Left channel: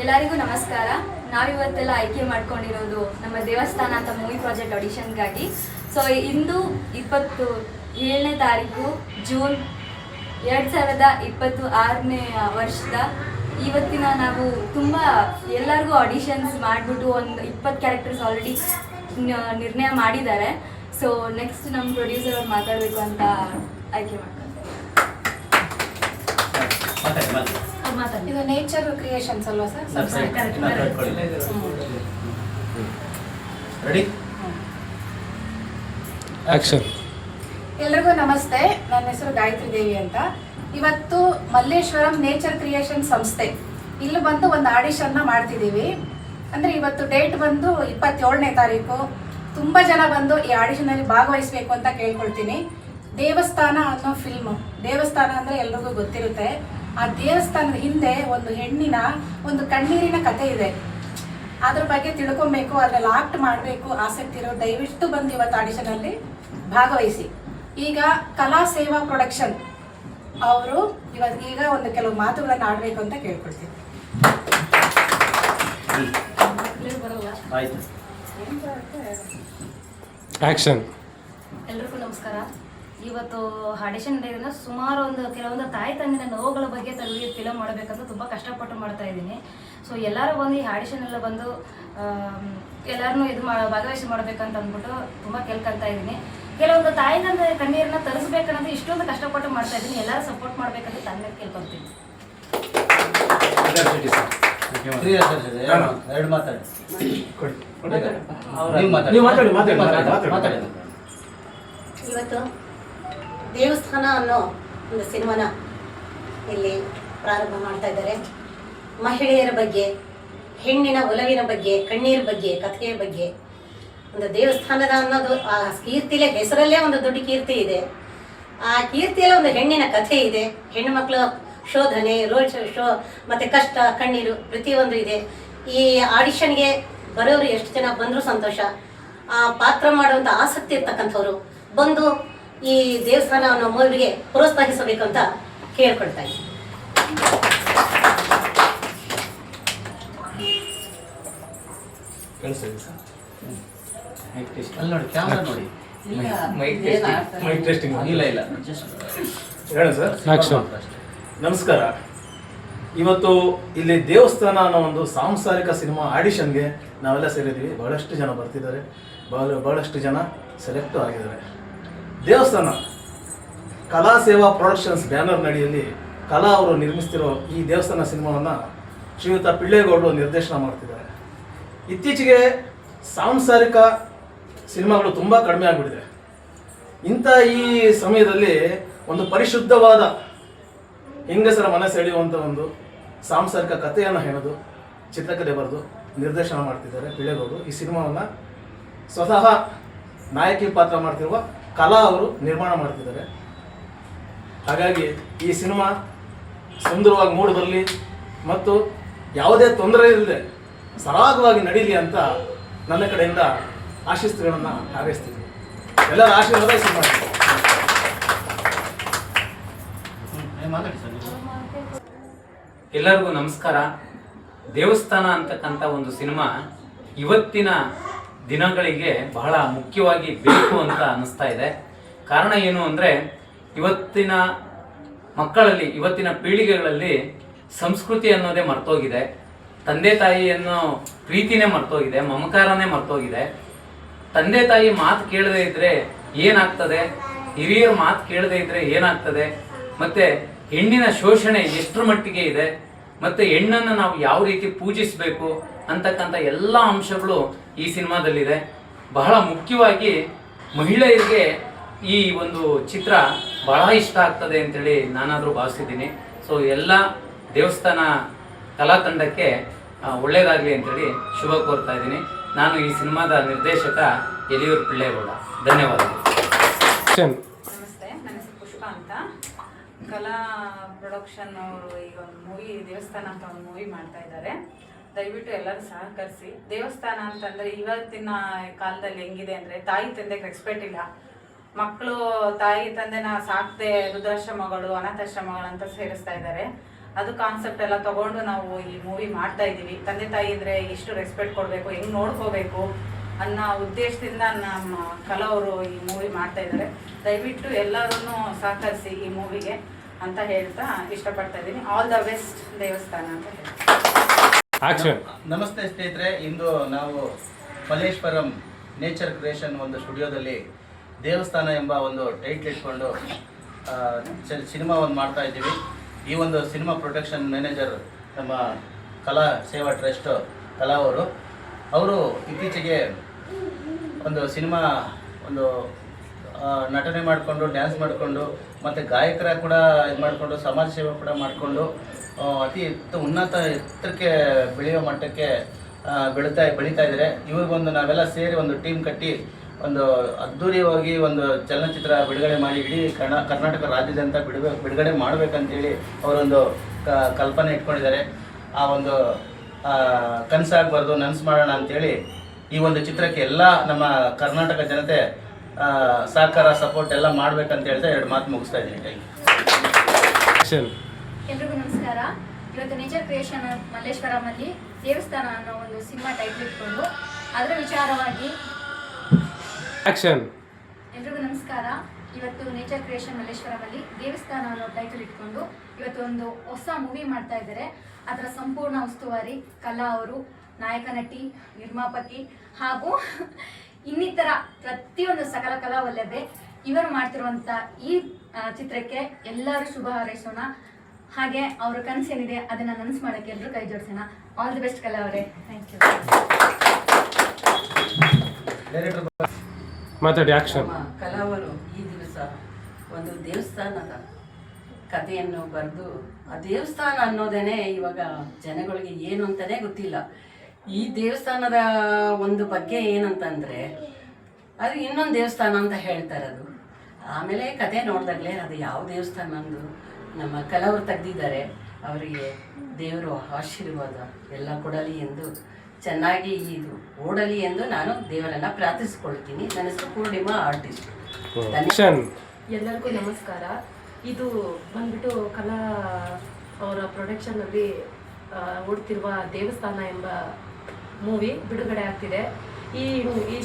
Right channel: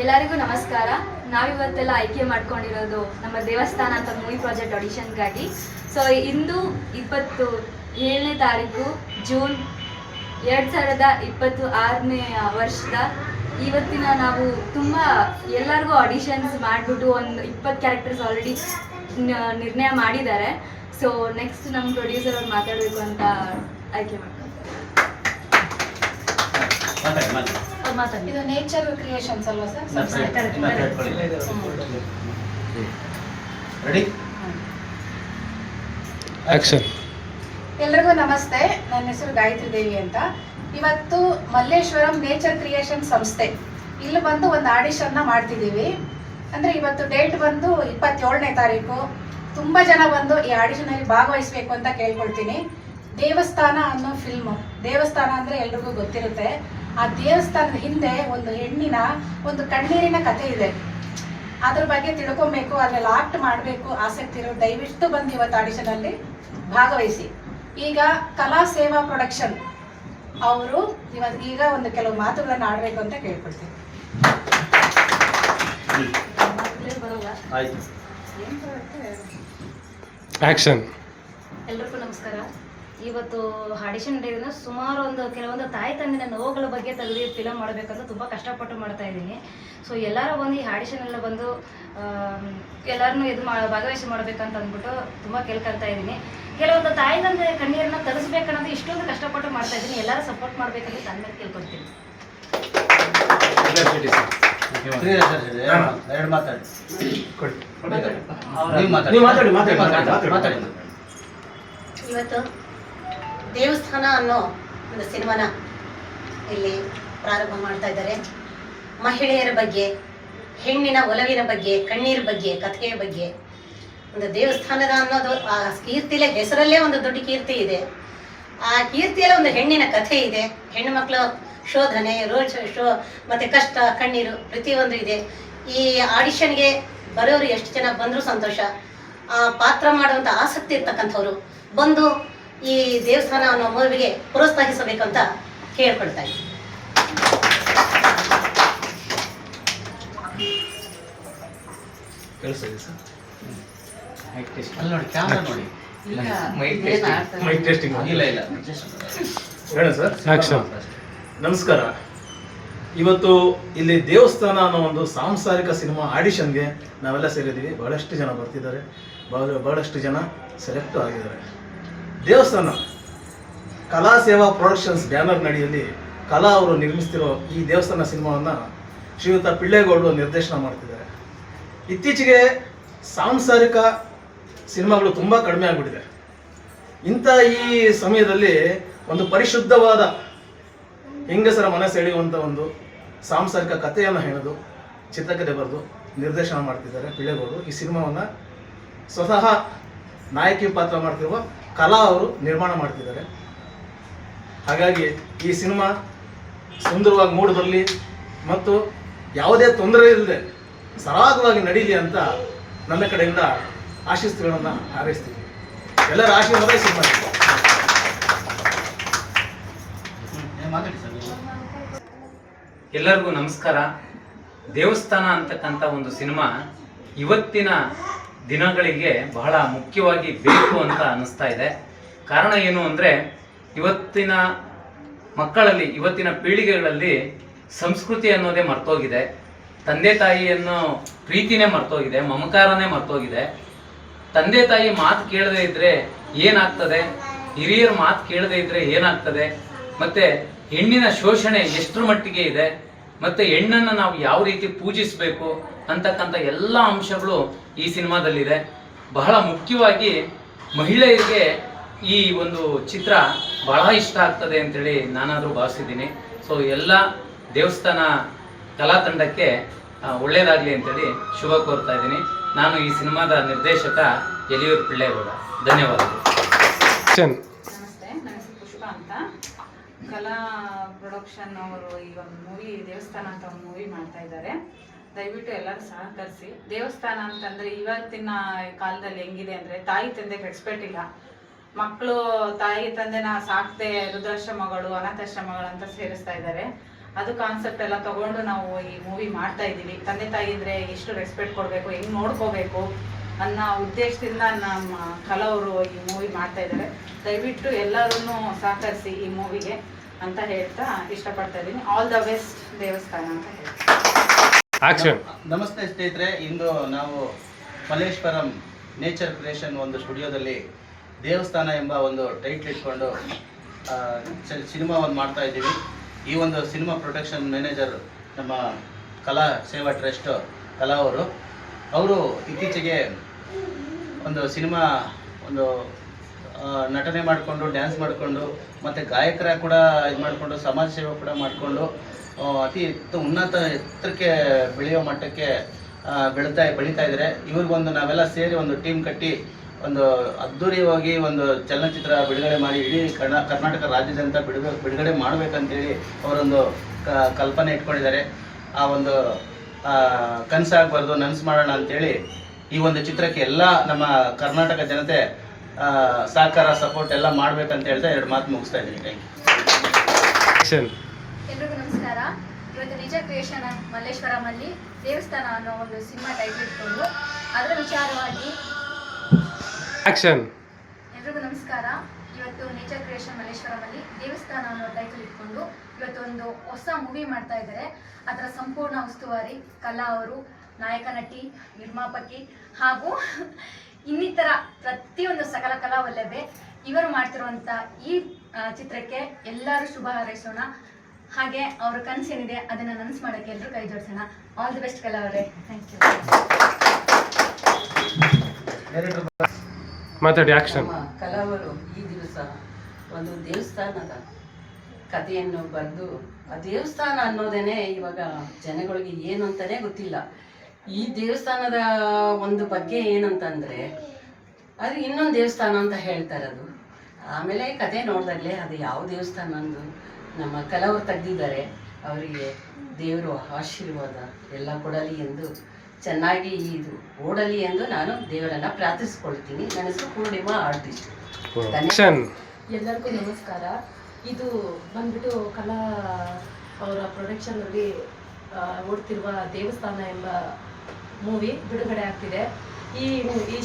ಎಲ್ಲರಿಗೂ ನಮಸ್ಕಾರ. ನಾವಿವತ್ತೆಲ್ಲ ಆಯ್ಕೆ ಮಾಡ್ಕೊಂಡಿರೋದು ನಮ್ಮ ದೇವಸ್ಥಾನ ಅಂತ ಮೂವಿ ಪ್ರಾಜೆಕ್ಟ್ ಆಡಿಷನ್ಗಾಗಿ. ಸೊ ಇಂದು 27ನೇ ತಾರೀಕು ಜೂನ್ 2026ನೇ ವರ್ಷದ ಇವತ್ತಿನ ನಾವು ತುಂಬ ಎಲ್ಲರಿಗೂ ಆಡಿಷನ್ಸ್ ಮಾಡಿಬಿಟ್ಟು ಒಂದು 20 ಕ್ಯಾರೆಕ್ಟರ್ಸ್ ಆಲ್ರೆಡಿ ನಿರ್ಣಯ ಮಾಡಿದ್ದಾರೆ. ಸೊ ನೆಕ್ಸ್ಟ್ ನಮ್ಮ ಪ್ರೊಡ್ಯೂಸರ್ ಅವ್ರು ಮಾತಾಡಬೇಕು ಅಂತ ಆಯ್ಕೆ ಮಾಡ್ತಾರೆ. ಇದು ನೇಚರ್ ಕ್ರಿಯೇಷನ್ಸ್ ಅಲ್ವಾ ಸರ್? Ready action. ಎಲ್ರಿಗೂ ನಮಸ್ತೆ. ನನ್ನ ಹೆಸರು ಗಾಯತ್ರಿ ದೇವಿ ಅಂತ. ಇವತ್ತು ಮಲ್ಲೇಶ್ವರಂ ನೇಚರ್ ಕ್ರಿಯೇಷನ್ ಸಂಸ್ಥೆ ಇಲ್ಲಿ ಬಂದು ಒಂದು ಆಡಿಷನ್ನ ಮಾಡ್ತಿದ್ದೀವಿ. ಅಂದರೆ ಇವತ್ತು ಡೇಟ್ ಬಂದು 27ನೇ ತಾರೀಕು. ತುಂಬ ಜನ ಬಂದು ಈ ಆಡಿಷನಲ್ಲಿ ಭಾಗವಹಿಸಬೇಕು ಅಂತ ಕೇಳ್ಕೊಳ್ತೀನಿ. ದೇವಸ್ಥಾನ ಅನ್ನೋ ಫಿಲ್ಮು, ದೇವಸ್ಥಾನ ಅಂದರೆ ಎಲ್ರಿಗೂ ಗೊತ್ತಿರುತ್ತೆ. ಆ ದೇವಸ್ಥಾನದ ಹಿಂದೆ ಒಂದು ಹೆಣ್ಣಿನ ಒಂದು ಕಣ್ಣೀರಿನ ಕಥೆ ಇದೆ. ಅದ್ರ ಬಗ್ಗೆ ತಿಳ್ಕೊಬೇಕು, ಅದ್ರಲ್ಲಿ ಆಕ್ಟ್ ಮಾಡಬೇಕು ಆಸಕ್ತಿ ಇರೋ ದಯವಿಟ್ಟು ಬಂದು ಇವತ್ತು ಆಡಿಷನಲ್ಲಿ ಭಾಗವಹಿಸಿ. ಈಗ ಕಲಾ ಸೇವಾ ಪ್ರೊಡಕ್ಷನ್ ಅವರು ಈಗ ಒಂದು ಕೆಲವು ಮಾತುಗಳನ್ನು ಆಡಬೇಕು ಅಂತ ಕೇಳ್ಕೊಳ್ತೀನಿ. ಆಕ್ಷನ್. ಎಲ್ರಿಗೂ ನಮಸ್ಕಾರ. ಇವತ್ತು ಆಡಿಷನ್ ಡೇನ ಸುಮಾರು ಕೆಲವೊಂದು ತಾಯಿ ತಂದಿನ ನೋವುಗಳ ಬಗ್ಗೆ ತೆಗೆದು ಫಿಲಮ್ ಮಾಡಬೇಕಂತ ತುಂಬ ಕಷ್ಟಪಟ್ಟು ಮಾಡ್ತಾ ಇದ್ದೀನಿ. ಸೊ ಎಲ್ಲರೂ ಬಂದು ಈ ಆಡಿಷನ್ ಎಲ್ಲ ಬಂದು ಎಲ್ಲರನ್ನೂ ಭಾಗವಹಿಸಿ ಮಾಡಬೇಕಂತ ಅಂದ್ಬಿಟ್ಟು ತುಂಬ ಕೇಳ್ಕೊಳ್ತಾ ಇದ್ದೀನಿ. ಕೆಲವೊಂದು ತಾಯಿ ತಂದೆ ಕಣ್ಣೀರನ್ನ ತರಿಸ್ಬೇಕನ್ನೋದು ಇಷ್ಟೊಂದು ಕಷ್ಟಪಟ್ಟು ಮಾಡ್ತಾ ಇದ್ದೀನಿ. ಎಲ್ಲರೂ ಸಪೋರ್ಟ್ ಮಾಡಬೇಕಂತ ನನ್ನ ಮೇಲೆ ಕೇಳ್ಕೊಳ್ತೀನಿ. ಇವತ್ತು ದೇವಸ್ಥಾನ ಅನ್ನೋ ಒಂದು ಸಿನಿಮಾನ ಇಲ್ಲಿ ಪ್ರಾರಂಭ ಮಾಡ್ತಾ ಇದ್ದಾರೆ. ಮಹಿಳೆಯರ ಬಗ್ಗೆ, ಹೆಣ್ಣಿನ ಒಲವಿನ ಬಗ್ಗೆ, ಕಣ್ಣೀರ ಬಗ್ಗೆ, ಕಥೆಯ ಬಗ್ಗೆ, ಒಂದು ದೇವಸ್ಥಾನದ ಅನ್ನೋದು ಆ ಕೀರ್ತಿಲೇ ಹೆಸರಲ್ಲೇ ಒಂದು ದೊಡ್ಡ ಕೀರ್ತಿ ಇದೆ. ಆ ಕೀರ್ತಿಯಲ್ಲೇ ಒಂದು ಹೆಣ್ಣಿನ ಕಥೆ ಇದೆ. ಹೆಣ್ಣು ಮಕ್ಕಳ ಶೋಧನೆ, ಮತ್ತು ಕಷ್ಟ, ಕಣ್ಣೀರು ಪ್ರತಿಯೊಂದು ಇದೆ. ಈ ಆಡಿಷನ್ಗೆ ಬರೋರು ಎಷ್ಟು ಜನ ಬಂದರೂ ಸಂತೋಷ. ಆ ಪಾತ್ರ ಮಾಡುವಂಥ ಆಸಕ್ತಿ ಇರ್ತಕ್ಕಂಥವ್ರು ಬಂದು ಈ ದೇವಸ್ಥಾನ ಅನ್ನೋ ಮೂವಿಗೆ ಪ್ರೋತ್ಸಾಹಿಸಬೇಕಂತ ಕೇಳ್ಕೊಳ್ತಾ ಇದ್ದೀನಿ. ನಮಸ್ಕಾರ. ಇವತ್ತು ಇಲ್ಲಿ ದೇವಸ್ಥಾನ ಅನ್ನೋ ಒಂದು ಸಾಂಸಾರಿಕ ಸಿನಿಮಾ ಆಡಿಷನ್ಗೆ ನಾವೆಲ್ಲ ಸೇರಿದ್ದೀವಿ. ಬಹಳಷ್ಟು ಜನ ಬರ್ತಿದ್ದಾರೆ, ಬಹಳಷ್ಟು ಜನ ಸೆಲೆಕ್ಟು ಆಗಿದ್ದಾರೆ. ದೇವಸ್ಥಾನ ಕಲಾ ಸೇವಾ ಪ್ರೊಡಕ್ಷನ್ಸ್ ಬ್ಯಾನರ್ ನಡಿಯಲ್ಲಿ ಕಲಾ ಅವರು ನಿರ್ಮಿಸ್ತಿರೋ ಈ ದೇವಸ್ಥಾನ ಸಿನಿಮಾವನ್ನು ಶ್ರೀಯುತ ಪಿಳ್ಳೇಗೌಡರು ನಿರ್ದೇಶನ ಮಾಡ್ತಿದ್ದಾರೆ. ಇತ್ತೀಚೆಗೆ ಸಾಂಸಾರಿಕ ಸಿನಿಮಾಗಳು ತುಂಬ ಕಡಿಮೆ ಆಗಿಬಿಟ್ಟಿದೆ. ಇಂಥ ಈ ಸಮಯದಲ್ಲಿ ಒಂದು ಪರಿಶುದ್ಧವಾದ ಹೆಂಗಸರ ಮನ ಸೆಳೆಯುವಂಥ ಒಂದು ಸಾಂಸಾರಿಕ ಕಥೆಯನ್ನು ಹೇಳೋದು, ಚಿತ್ರಕಥೆ ಬರೆದು ನಿರ್ದೇಶನ ಮಾಡ್ತಿದ್ದಾರೆ ಪಿಳ್ಳೇಗೌಡರು. ಈ ಸಿನಿಮಾವನ್ನು ಸ್ವತಃ ನಾಯಕಿ ಪಾತ್ರ ಮಾಡ್ತಿರುವ ಕಲಾ ಅವರು ನಿರ್ಮಾಣ ಮಾಡ್ತಿದ್ದಾರೆ. ಹಾಗಾಗಿ ಈ ಸಿನಿಮಾ ಸುಂದರವಾಗಿ ಮೂಡಿ ಬರಲಿ ಮತ್ತು ಯಾವುದೇ ತೊಂದರೆ ಇಲ್ಲದೆ ಸರಾಗವಾಗಿ ನಡೀಲಿ ಅಂತ ನನ್ನ ಕಡೆಯಿಂದ ಆಶೀಸ್ಸುಗಳನ್ನು ಹಾರೈಸ್ತೀನಿ. ಎಲ್ಲರ ಆಶೀರ್ವಾದ ಈ ಸಿನಿಮಾ. ಎಲ್ಲರಿಗೂ ನಮಸ್ಕಾರ. ದೇವಸ್ಥಾನ ಅಂತಕ್ಕಂಥ ಒಂದು ಸಿನಿಮಾ ಇವತ್ತಿನ ದಿನಗಳಿಗೆ ಬಹಳ ಮುಖ್ಯವಾಗಿ ಬೇಕು ಅಂತ ಅನ್ನಿಸ್ತಾ ಇದೆ. ಕಾರಣ ಏನು ಅಂದರೆ, ಇವತ್ತಿನ ಮಕ್ಕಳಲ್ಲಿ, ಇವತ್ತಿನ ಪೀಳಿಗೆಗಳಲ್ಲಿ ಸಂಸ್ಕೃತಿ ಅನ್ನೋದೇ ಮರ್ತೋಗಿದೆ. ತಂದೆ ತಾಯಿಯನ್ನು ಪ್ರೀತಿನೇ ಮರ್ತೋಗಿದೆ, ಮಮಕಾರನೇ ಮರ್ತೋಗಿದೆ. ತಂದೆ ತಾಯಿ ಮಾತು ಕೇಳದೇ ಇದ್ದರೆ ಏನಾಗ್ತದೆ, ಹಿರಿಯರ ಮಾತು ಕೇಳದೇ ಇದ್ದರೆ ಏನಾಗ್ತದೆ, ಮತ್ತು ಹೆಣ್ಣಿನ ಶೋಷಣೆ ಎಷ್ಟರ ಮಟ್ಟಿಗೆ ಇದೆ, ಮತ್ತು ಹೆಣ್ಣನ್ನು ನಾವು ಯಾವ ರೀತಿ ಪೂಜಿಸಬೇಕು ಅಂತಕ್ಕಂಥ ಎಲ್ಲ ಅಂಶಗಳು ಈ ಸಿನಿಮಾದಲ್ಲಿದೆ. ಬಹಳ ಮುಖ್ಯವಾಗಿ ಮಹಿಳೆಯರಿಗೆ ಈ ಒಂದು ಚಿತ್ರ ಬಹಳ ಇಷ್ಟ ಆಗ್ತದೆ ಅಂತೇಳಿ ನಾನಾದರೂ ಭಾವಿಸಿದ್ದೀನಿ. ಸೊ ಎಲ್ಲ ದೇವಸ್ಥಾನ ಕಲಾ ತಂಡಕ್ಕೆ ಒಳ್ಳೆಯದಾಗಲಿ ಅಂತೇಳಿ ಶುಭ ಕೋರ್ತಾ ಇದ್ದೀನಿ. ನಾನು ಈ ಸಿನಿಮಾದ ನಿರ್ದೇಶಕ ಎಲಿಯೂರು ಪಿಳ್ಳೇಗೌಡ. ಧನ್ಯವಾದಗಳು. ನಮಸ್ತೆ, ನನ್ನ ಹೆಸರು ಪುಷ್ಪ ಅಂತ. ಕಲಾ ಪ್ರೊಡಕ್ಷನ್ ಅವರು ಈಗ ಒಂದು ಮೂವಿ ದೇವಸ್ಥಾನ ಅಂತ ಒಂದು ಮೂವಿ ಮಾಡ್ತಾ ಇದ್ದಾರೆ. ದಯವಿಟ್ಟು ಎಲ್ಲರೂ ಸಹಕರಿಸಿ. ದೇವಸ್ಥಾನ ಅಂತಂದರೆ ಇವತ್ತಿನ ಕಾಲದಲ್ಲಿ ಹೆಂಗಿದೆ ಅಂದರೆ, ತಾಯಿ ತಂದೆಗೆ ರೆಸ್ಪೆಕ್ಟ್ ಇಲ್ಲ. ಮಕ್ಕಳು ತಾಯಿ ತಂದೆನ ಸಾಕದೆ ವೃದ್ಧಾಶ್ರಮಗಳು, ಅನಾಥಾಶ್ರಮಗಳು ಅಂತ ಸೇರಿಸ್ತಾ ಇದ್ದಾರೆ. ಅದು ಕಾನ್ಸೆಪ್ಟ್ ಎಲ್ಲ ತಗೊಂಡು ನಾವು ಈ ಮೂವಿ ಮಾಡ್ತಾ ಇದ್ದೀವಿ. ತಂದೆ ತಾಯಿ ಇದ್ರೆ ಎಷ್ಟು ರೆಸ್ಪೆಕ್ಟ್ ಕೊಡಬೇಕು, ಹೆಂಗೆ ನೋಡ್ಕೋಬೇಕು ಅನ್ನೋ ಉದ್ದೇಶದಿಂದ ನಮ್ಮ ಕಲಾವರು ಈ ಮೂವಿ ಮಾಡ್ತಾ ಇದ್ದಾರೆ. ದಯವಿಟ್ಟು ಎಲ್ಲರೂ ಸಹಕರಿಸಿ ಈ ಮೂವಿಗೆ ಅಂತ ಹೇಳ್ತಾ ಇಷ್ಟಪಡ್ತಾ ಇದ್ದೀನಿ. ಆಲ್ ದ ಬೆಸ್ಟ್ ದೇವಸ್ಥಾನ ಅಂತ ಹೇಳ್ತೀನಿ. ಆಕ್ಷನ್. ನಮಸ್ತೆ ಸ್ನೇಹಿತರೆ, ಇಂದು ನಾವು ಮಲ್ಲೇಶ್ವರಂ ನೇಚರ್ ಕ್ರಿಯೇಷನ್ ಒಂದು ಸ್ಟುಡಿಯೋದಲ್ಲಿ ದೇವಸ್ಥಾನ ಎಂಬ ಒಂದು ಟೈಟ್ಲ್ ಇಟ್ಕೊಂಡು ಸಿನಿಮಾ ಒಂದು ಮಾಡ್ತಾ ಇದ್ದೀವಿ. ಈ ಒಂದು ಸಿನಿಮಾ ಪ್ರೊಡಕ್ಷನ್ ಮ್ಯಾನೇಜರ್ ನಮ್ಮ ಕಲಾ ಸೇವಾ ಟ್ರಸ್ಟ್ ಕಲಾ ಅವರು ಇತ್ತೀಚೆಗೆ ಒಂದು ಸಿನಿಮಾ ಒಂದು ನಟನೆ ಮಾಡಿಕೊಂಡು ಡ್ಯಾನ್ಸ್ ಮಾಡಿಕೊಂಡು ಮತ್ತು ಗಾಯಕರ ಕೂಡ ಇದು ಮಾಡಿಕೊಂಡು ಸಮಾಜ ಸೇವೆ ಕೂಡ ಮಾಡಿಕೊಂಡು ಅತಿ ಉನ್ನತ ಎತ್ತರಕ್ಕೆ ಬೆಳೆಯೋ ಮಟ್ಟಕ್ಕೆ ಬೆಳೀತಾ ಇದ್ದಾರೆ. ಇವ್ರಿಗೊಂದು ನಾವೆಲ್ಲ ಸೇರಿ ಒಂದು ಟೀಮ್ ಕಟ್ಟಿ ಒಂದು ಅದ್ಧೂರಿಯಾಗಿ ಒಂದು ಚಲನಚಿತ್ರ ಬಿಡುಗಡೆ ಮಾಡಿ ಇಡೀ ಕರ್ನಾಟಕ ರಾಜ್ಯದಂತ ಬಿಡುಗಡೆ ಮಾಡಬೇಕಂತೇಳಿ ಅವರೊಂದು ಕಲ್ಪನೆ ಇಟ್ಕೊಂಡಿದ್ದಾರೆ. ಆ ಒಂದು ಕನಸಾಗಬಾರ್ದು, ನನಸು ಮಾಡೋಣ ಅಂಥೇಳಿ ಈ ಒಂದು ಚಿತ್ರಕ್ಕೆ ಎಲ್ಲ ನಮ್ಮ ಕರ್ನಾಟಕ ಜನತೆ ಸಹಕಾರ ಸಪೋರ್ಟ್ ಎಲ್ಲ ಮಾಡ್ಬೇಕಂತ ಹೇಳ್ತಾ 2 ಮಾತು ಮುಗಿಸ್ತಾ ಇದ್ದೀನಿ. Thank you. ಎಲ್ರಿಗೂ ನಮಸ್ಕಾರ. ಇವತ್ತು ನೇಚರ್ ಕ್ರಿಯೇಷನ್ ಮಲ್ಲೇಶ್ವರಮಲ್ಲಿ ದೇವಸ್ಥಾನ ಅನ್ನೋ ಒಂದು ಸಿನಿಮಾ ಟೈಟ್ಲ್ ಇಟ್ಕೊಂಡು ಅದರ ವಿಚಾರವಾಗಿ ಆಕ್ಷನ್. ಎಲ್ರಿಗೂ ನಮಸ್ಕಾರ. ಇವತ್ತು ನೇಚರ್ ಕ್ರಿಯೇಷನ್ ಮಲ್ಲೇಶ್ವರಮಲ್ಲಿ ದೇವಸ್ಥಾನ ಅನ್ನೋ ಟೈಟಲ್ ಇಟ್ಕೊಂಡು ಇವತ್ತು ಒಂದು ಹೊಸ ಮೂವಿ ಮಾಡ್ತಾ ಇದ್ದಾರೆ. ಅದರ ಸಂಪೂರ್ಣ ಉಸ್ತುವಾರಿ ಕಲಾ ಅವರು, ನಾಯಕ ನಟಿ, ನಿರ್ಮಾಪಕಿ ಹಾಗೂ ಇನ್ನಿತರ ಪ್ರತಿಯೊಂದು ಸಕಲ ಕಲಾವಲ್ಲಭೆ ಇವರು ಮಾಡ್ತಿರುವಂಥ ಈ ಚಿತ್ರಕ್ಕೆ ಎಲ್ಲರೂ ಶುಭ ಹಾರೈಸೋಣ. ಹಾಗೆ ಅವರ ಕನಸೇನಿದೆ ಅದನ್ನು ನನಸು ಮಾಡೋಕ್ಕೆ ಎಲ್ಲರೂ ಕೈ ಜೋಡಿಸೋಣ. ಆಲ್ ದಿ ಬೆಸ್ಟ್ ಕಲಾ ಅವರೇ. Thank you. ಮಾತಾಡಿ. ಆಕ್ಷನ್. ಕಲಾವರು ಈ ದಿವಸ ಒಂದು ದೇವಸ್ಥಾನದ ಕಥೆಯನ್ನು ಬರೆದು, ಆ ದೇವಸ್ಥಾನ ಅನ್ನೋದೇನೆ ಇವಾಗ ಜನಗಳಿಗೆ ಏನು ಅಂತಲೇ ಗೊತ್ತಿಲ್ಲ. ಈ ದೇವಸ್ಥಾನದ ಒಂದು ಬಗ್ಗೆ ಏನಂತಂದರೆ ಅದು ಇನ್ನೊಂದು ದೇವಸ್ಥಾನ ಅಂತ ಹೇಳ್ತಾರೆ. ಅದು ಆಮೇಲೆ ಕತೆ ನೋಡಿದಾಗಲೇ ಅದು ಯಾವ ದೇವಸ್ಥಾನ ಅಂದು ನಮ್ಮ ಕಲಾವರು ತೆಗೆದಿದ್ದಾರೆ. ಅವರಿಗೆ ದೇವರು ಆಶೀರ್ವಾದ ಎಲ್ಲ ಕೊಡಲಿ ಎಂದು, ಚೆನ್ನಾಗಿ ಇದು ಓಡಲಿ ಎಂದು ನಾನು ದೇವರನ್ನು ಪ್ರಾರ್ಥಿಸ್ಕೊಳ್ತೀನಿ. ನನ್ನ ಹೆಸರು ಪೂರ್ಣಿಮಾ, ಆರ್ಟಿಸ್ಟ್. ಎಲ್ಲರಿಗೂ ನಮಸ್ಕಾರ. ಇದು ಬಂದ್ಬಿಟ್ಟು ಕಲಾ ಅವರ ಪ್ರೊಡಕ್ಷನಲ್ಲಿ ಓಡ್ತಿರುವ ದೇವಸ್ಥಾನ ಎಂಬ ಮೂವಿ ಬಿಡುಗಡೆ ಆಗ್ತಿದೆ. ಈ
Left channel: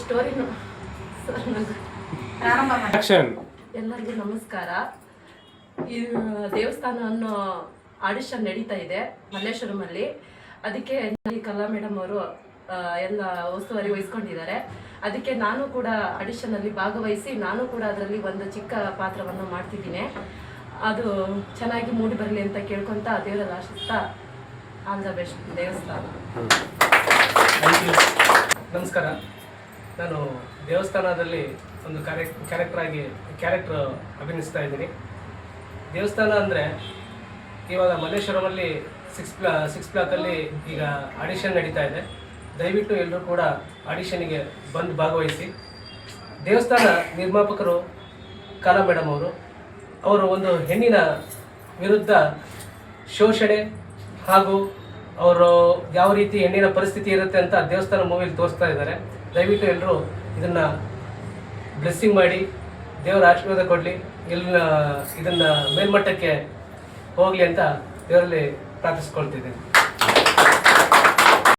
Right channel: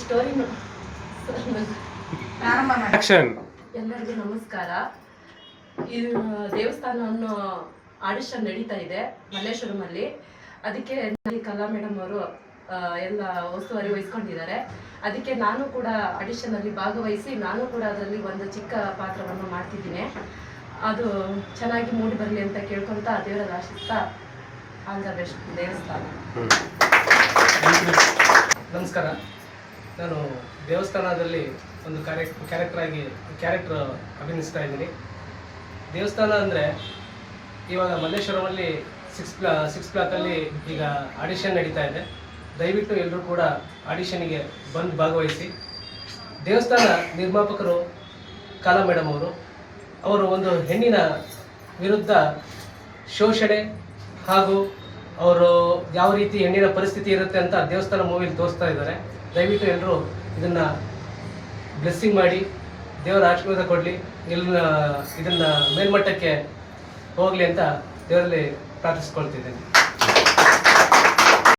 ಸ್ಟೋರಿ ಎಲ್ಲರಿಗೂ ನಮಸ್ಕಾರ. ಈ ದೇವಸ್ಥಾನ ಅನ್ನೋ ಆಡಿಷನ್ ನಡೀತಾ ಇದೆ ಮಲ್ಲೇಶ್ವರಮಲ್ಲಿ. ಅದಕ್ಕೆ ಕಲಾ ಮೇಡಮ್ ಅವರು ಎಲ್ಲ ಉಸ್ತುವಾರಿ ವಹಿಸ್ಕೊಂಡಿದ್ದಾರೆ. ಅದಕ್ಕೆ ನಾನು ಕೂಡ ಆಡಿಷನಲ್ಲಿ ಭಾಗವಹಿಸಿ ನಾನು ಕೂಡ ಅದರಲ್ಲಿ ಒಂದು ಚಿಕ್ಕ ಪಾತ್ರವನ್ನು ಮಾಡ್ತಿದ್ದೀನಿ. ಅದು ಚೆನ್ನಾಗಿ ಮೂಡಿ ಬರಲಿ ಅಂತ ಕೇಳ್ಕೊತ ದೇವರಲ್ಲಿ ಆಶಿಸ್ತಾ ಆಲ್ ದ ಬೆಸ್ಟ್ ದೇವಸ್ಥಾನ. ನಮಸ್ಕಾರ. ನಾನು ದೇವಸ್ಥಾನದಲ್ಲಿ ಒಂದು ಕ್ಯಾರೆಕ್ಟರ್ ಅಭಿನಯಿಸ್ತಾ ಇದ್ದೀನಿ. ದೇವಸ್ಥಾನ ಅಂದರೆ ಇವಾಗ ಮಲ್ಲೇಶ್ವರಮಲ್ಲಿ 6 ಬ್ಲಾಕಲ್ಲಿ ಈಗ ಆಡಿಷನ್ ನಡೀತಾ ಇದೆ. ದಯವಿಟ್ಟು ಎಲ್ಲರೂ ಕೂಡ ಆಡಿಷನ್ನಿಗೆ ಬಂದು ಭಾಗವಹಿಸಿ. ದೇವಸ್ಥಾನ ನಿರ್ಮಾಪಕರು ಕಲಾ ಮೇಡಮ್ ಅವರು ಒಂದು ಹೆಣ್ಣಿನ ವಿರುದ್ಧ ಶೋಷಣೆ ಹಾಗೂ ಅವರು ಯಾವ ರೀತಿ ಹೆಣ್ಣಿನ ಪರಿಸ್ಥಿತಿ ಇರುತ್ತೆ ಅಂತ ದೇವಸ್ಥಾನ ಮೂವಿಲಿ ತೋರಿಸ್ತಾ ಇದ್ದಾರೆ. ದಯವಿಟ್ಟು ಎಲ್ಲರೂ ಇದನ್ನು ಬ್ಲೆಸ್ಸಿಂಗ್ ಮಾಡಿ ದೇವರ ಆಶೀರ್ವಾದ ಕೊಡಲಿ, ಇದನ್ನು ಮೇಲ್ಮಟ್ಟಕ್ಕೆ ಹೋಗಲಿ ಅಂತ ದೇವರಲ್ಲಿ ಪ್ರಾರ್ಥಿಸ್ಕೊಳ್ತಿದ್ದೇನೆ.